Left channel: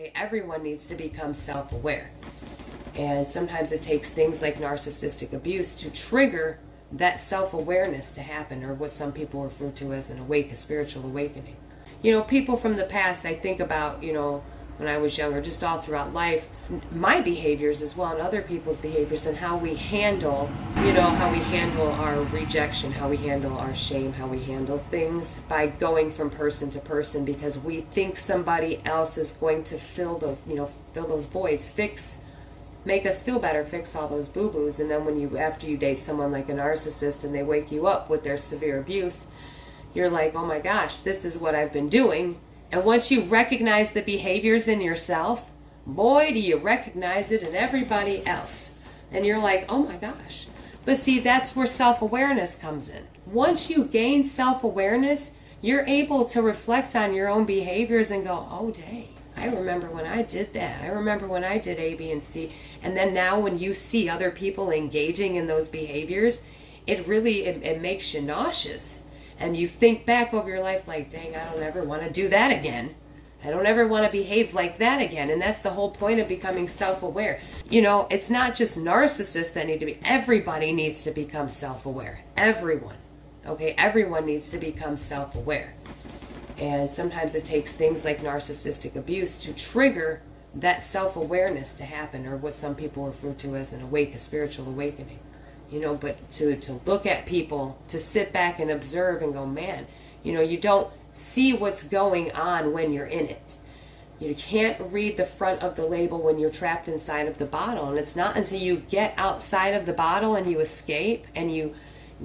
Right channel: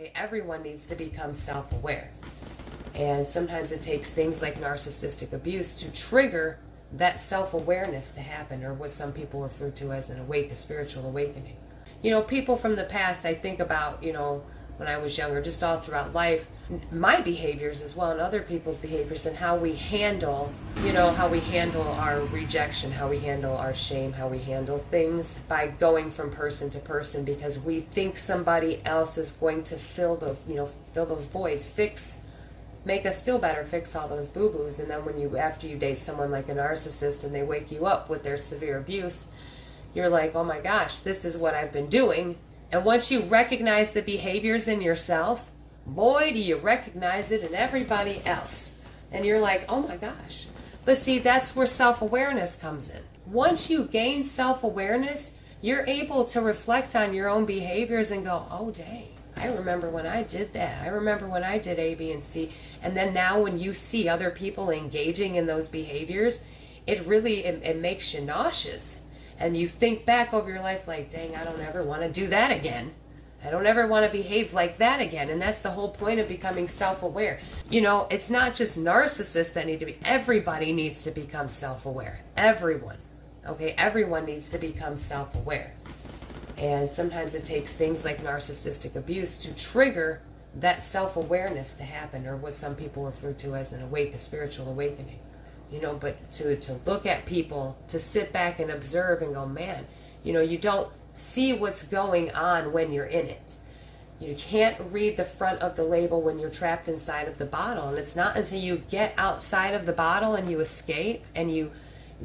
Okay, everyone needs to become self-aware. And sometimes it takes things like narcissistic abuse to trigger that self-awareness to happen, or what some people refer to as a spiritual awakening. People from the past, I think about, when I was younger, just all throughout life, my behaviors as well, and other people's behaviors, and how we handle, how we handle our rejection, how we handle our shame, how we handle things by going from person to person, because we think somebody else is going to fill those voids, make us feel better, fix all those boo-boos. And then after you date someone like a narcissist and they wake you up with their severe abuse, you're like, oh my gosh, this is what I've been doing. And once you recognize the behaviors in yourself, boy, do you recognize it in everybody else. And you're like, oh my gosh. But see, that's where self-awareness comes in. Once you gain self-awareness, you're able to reflect on your own behaviors and go, oh dang, I remember when I did that. I remember when I did A, B, and C. And then now when you see other people engaging in those behaviors, it makes you nauseous. And you think back over your life like, dang, I don't ever want to do that again. I don't ever want to behave like that again. And that's the whole point of becoming self-aware. It's not just narcissists that need to be. Everybody needs to become self-aware. Everyone. Okay? Everyone needs to become self-aware. And sometimes it takes things like narcissistic abuse to trigger that self-awareness to happen, or what some people refer to as a spiritual awakening. But to look at people, to sit back and observe and go, man, you don't see what's going on when you're in it. You can't read the front of the label when you're trapped inside of the bottle. And it's not until you get outside of the bottle and you escape and you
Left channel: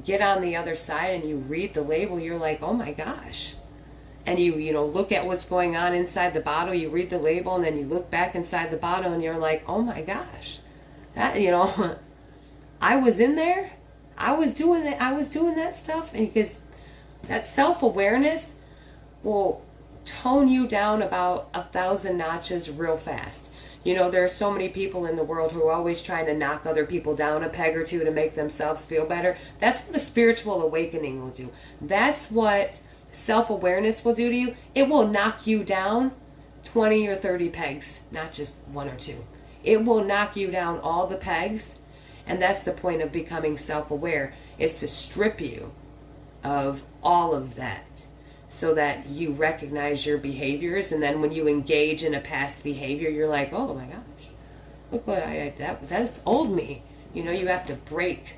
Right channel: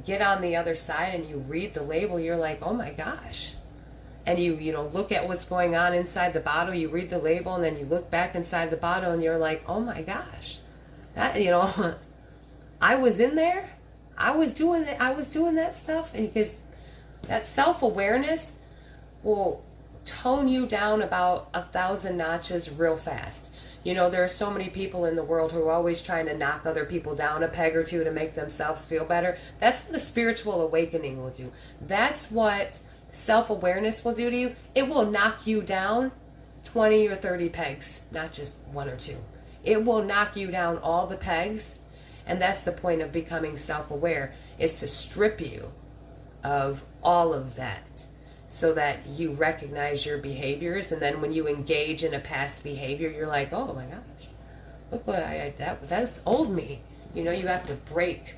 get on the other side and you read the label, you're like, oh my gosh. And you look at what's going on inside the bottle, you read the label, and then you look back inside the bottle and you're like, oh my gosh. That, I was in there. I was doing that stuff. And because that self-awareness will tone you down about 1,000 notches real fast. There are so many people in the world who are always trying to knock other people down a peg or two to make themselves feel better. That's what a spiritual awakening will do. That's what self-awareness will do to you. It will knock you down 20 or 30 pegs, not just one or two. It will knock you down all the pegs. And that's the point of becoming self-aware, is to strip you of all of that so that you recognize your behaviors. And then when you engage in a past behavior, you're like, oh my gosh, look what that's old me. You have to break.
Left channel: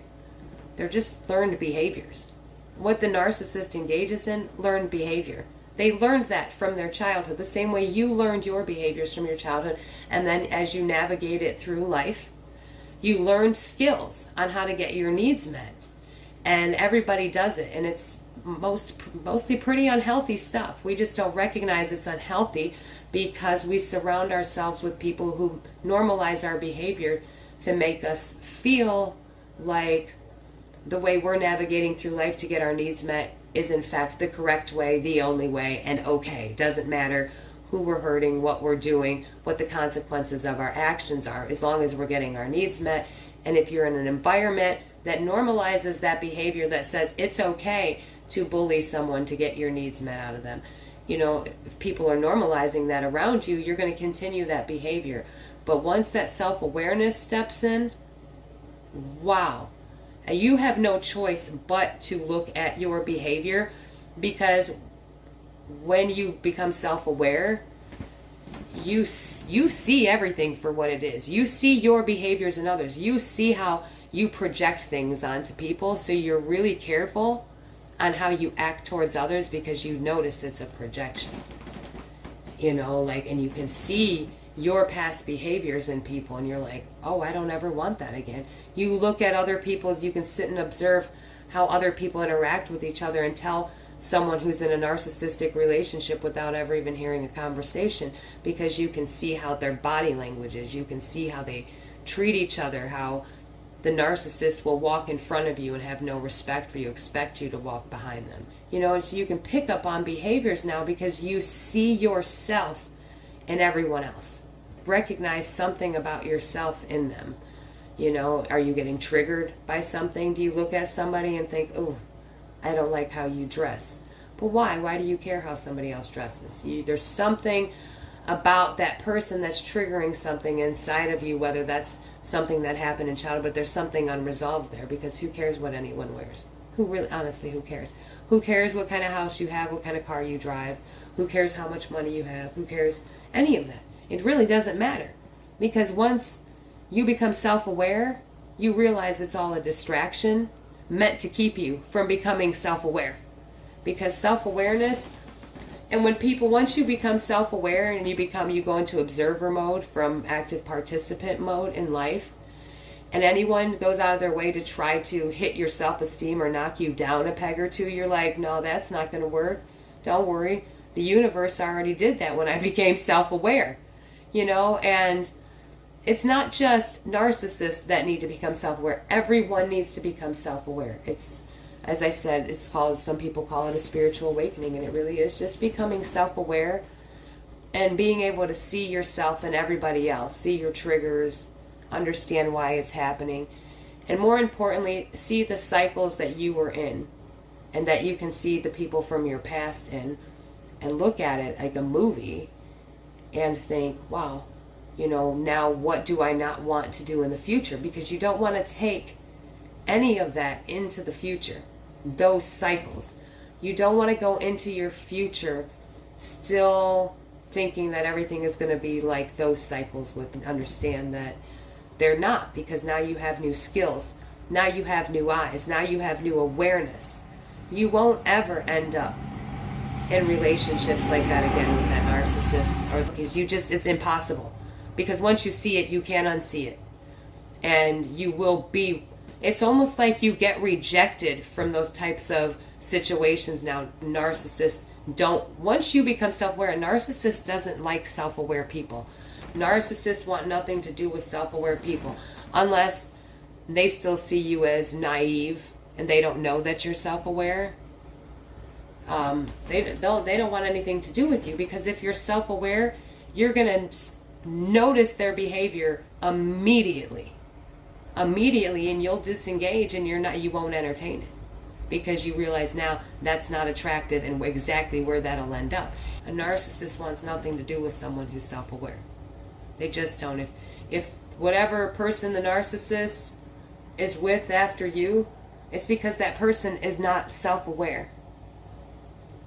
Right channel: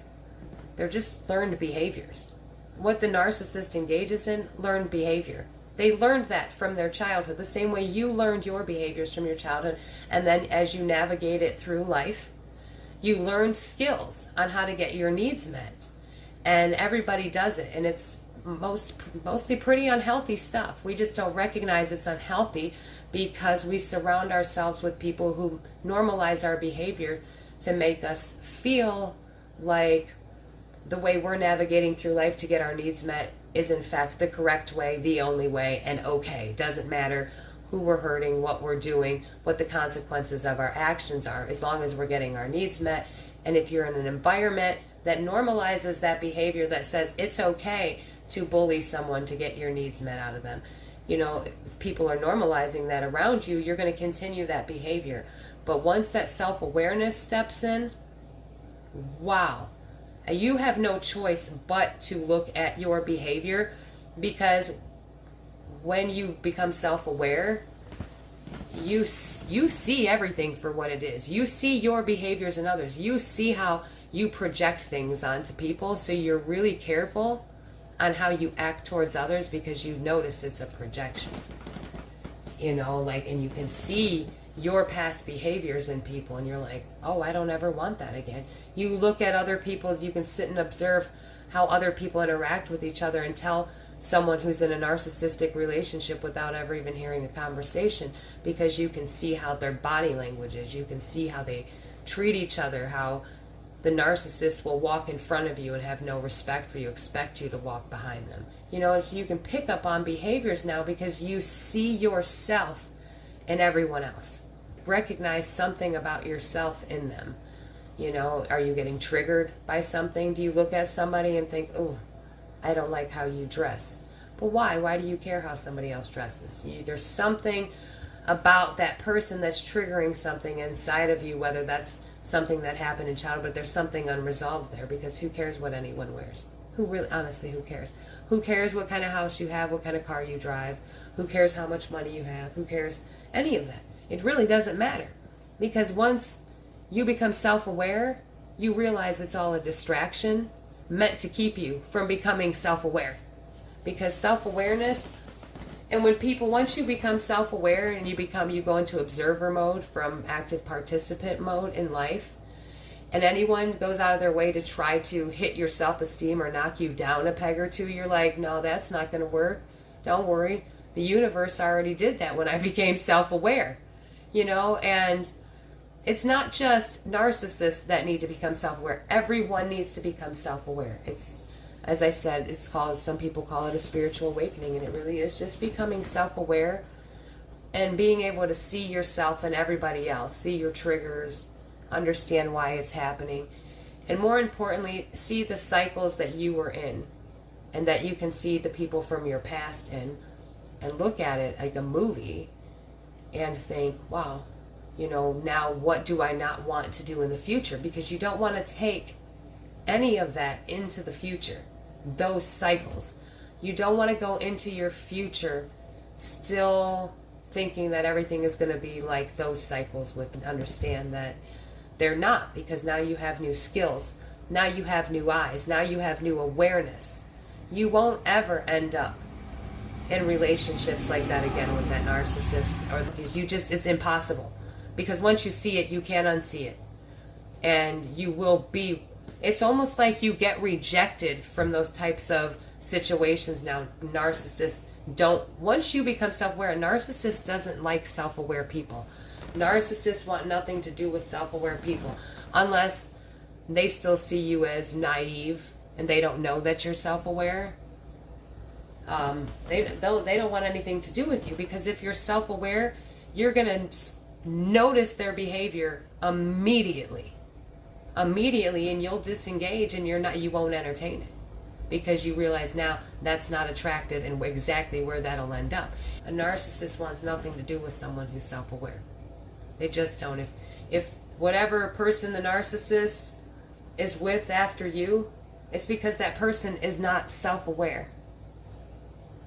They're just learned behaviors. What the narcissist engages in, learned behavior. They learned that from their childhood, the same way you learned your behaviors from your childhood. And then as you navigate it through life, you learned skills on how to get your needs met. And everybody does it. And it's mostly pretty unhealthy stuff. We just don't recognize it's unhealthy because we surround ourselves with people who normalize our behavior to make us feel like the way we're navigating through life to get our needs met is in fact the correct way, the only way, and okay. Doesn't matter who we're hurting, what we're doing, what the consequences of our actions are, as long as we're getting our needs met. And if you're in an environment that normalizes that behavior, that says it's okay to bully someone to get your needs met out of them, if people are normalizing that around you, you're going to continue that behavior. But once that self-awareness steps in, wow, you have no choice but to look at your behavior, because when you become self-aware, you see everything for what it is. You see your behaviors in others. You see how you project things onto people, so you're really careful on how you act towards others because you notice it's a projection. And you can see your past behaviors in people and you're like, oh, I don't ever want that again. You look at other people, you can sit and observe how other people interact with each other and tell someone who's in a narcissistic relationship without ever even hearing a conversation, because you can see how their body language is. You can see how they treat each other, how the narcissist will walk in front of you and have no respect for you, expect you to walk behind them. And so you can pick up on behaviors now because you see yourself in everyone else. Recognize something about yourself in them. Are you getting triggered by something? Do you look at somebody and think, oh, I don't like how you dress? But why? Why do you care how somebody else dresses? There's something about that person that's triggering something inside of you, whether that's something that happened in childhood, but there's something unresolved there, because who cares what anyone wears? Who really, honestly, who cares? Who cares what kind of house you have, what kind of car you drive? Who cares how much money you have? Who cares any of that? It really doesn't matter, because once you become self-aware, you realize it's all a distraction meant to keep you from becoming self-aware. Because self-awareness, and when people, once you become self-aware and you go into observer mode from active participant mode in life, and anyone goes out of their way to try to hit your self-esteem or knock you down a peg or two, you're like, no, that's not going to work. Don't worry. The universe already did that when I became self-aware, and it's not just narcissists that need to become self-aware. Everyone needs to become self-aware. It's, as I said, some people call it a spiritual awakening, and it really is just becoming self-aware and being able to see yourself and everybody else, see your triggers, understand why it's happening, and more importantly, see the cycles that you were in and that you can see the people from your past in, and look at it like a movie and think, wow, now what do I not want to do in the future? Because you don't want to take any of that into the future, those cycles. You don't want to go into your future still thinking that everything is going to be like those cycles, understand that they're not, because now you have new skills, now you have new eyes, now you have new awareness. You won't ever end up in relationships like that again with that narcissist, or because it's impossible. Because once you see it, you can't unsee it. And you will be, it's almost like you get rejected from those types of situations now. Narcissists once you become self-aware, a narcissist doesn't like self-aware people. Narcissists want nothing to do with self-aware people, unless they still see you as naive and they don't know that you're self-aware. They don't want anything to do with you, because if you're self-aware, you're going to notice their behavior immediately, and you'll disengage, and you won't entertain it, because you realize now that's not attractive and exactly where that'll end up. A narcissist wants nothing to do with someone who's self-aware. They just don't. If whatever person the narcissist is with after you, it's because that person is not self-aware.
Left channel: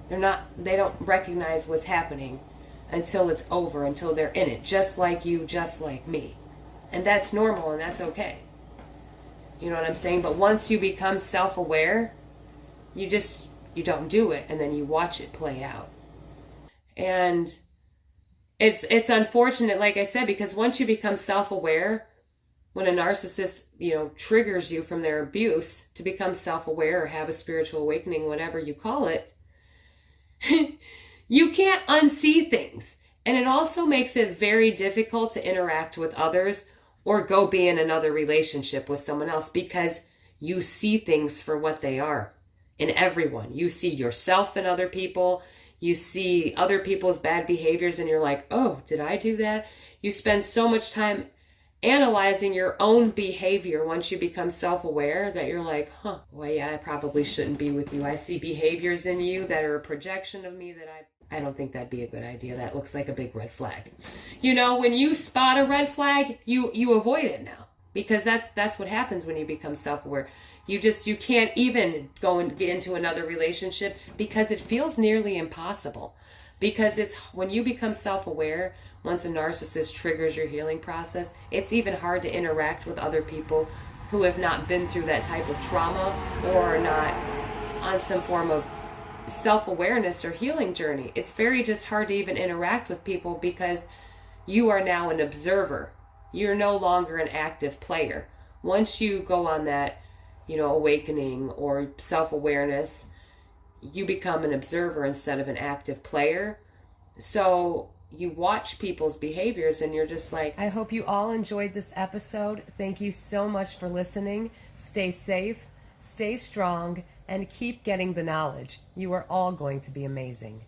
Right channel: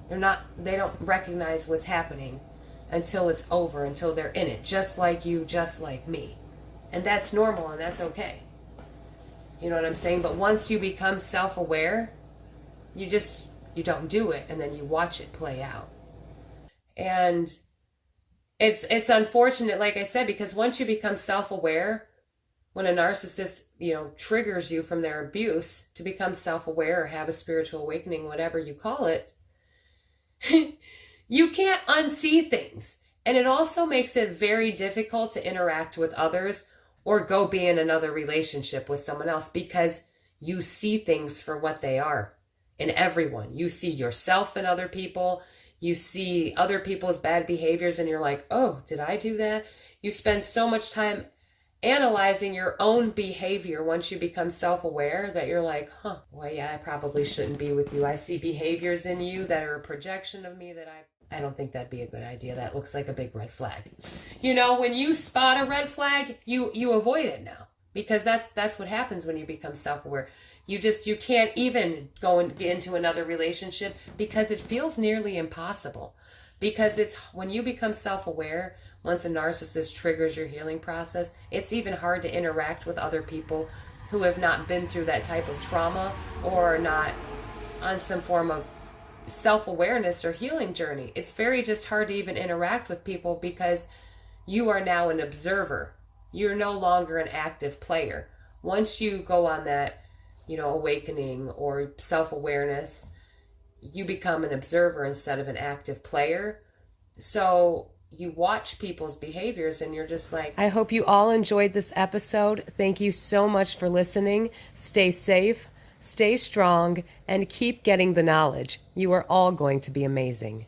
They don't recognize what's happening until it's over, until they're in it, just like you, just like me. And that's normal, and that's okay. You know what I'm saying? But once you become self-aware, you don't do it, and then you watch it play out. And it's unfortunate, like I said, because once you become self-aware, when a narcissist, triggers you from their abuse to become self-aware or have a spiritual awakening, whatever you call it, you can't unsee things. And it also makes it very difficult to interact with others or go be in another relationship with someone else, because you see things for what they are in everyone. You see yourself in other people. You see other people's bad behaviors, and you're like, oh, did I do that? You spend so much time analyzing your own behavior once you become self-aware that you're like, well, yeah, I probably shouldn't be with you. I see behaviors in you that are a projection of me that I don't think that'd be a good idea. That looks like a big red flag. When you spot a red flag, you avoid it now, because that's what happens when you become self-aware. You can't even go and get into another relationship, because it feels nearly impossible. Because it's when you become self-aware, once a narcissist triggers your healing process, it's even hard to interact with other people who have not been through that type of trauma or are not on some form of self-awareness or healing journey. It's very just hard to even interact with people, because you are now an observer. You're no longer an active player. Once you go on that, awakening or self-awareness, you become an observer instead of an active player. So you watch people's behaviors and you're just like, I hope you all enjoyed this episode. Thank you so much for listening. Stay safe, stay strong, and keep getting the knowledge. You are all going to be amazing.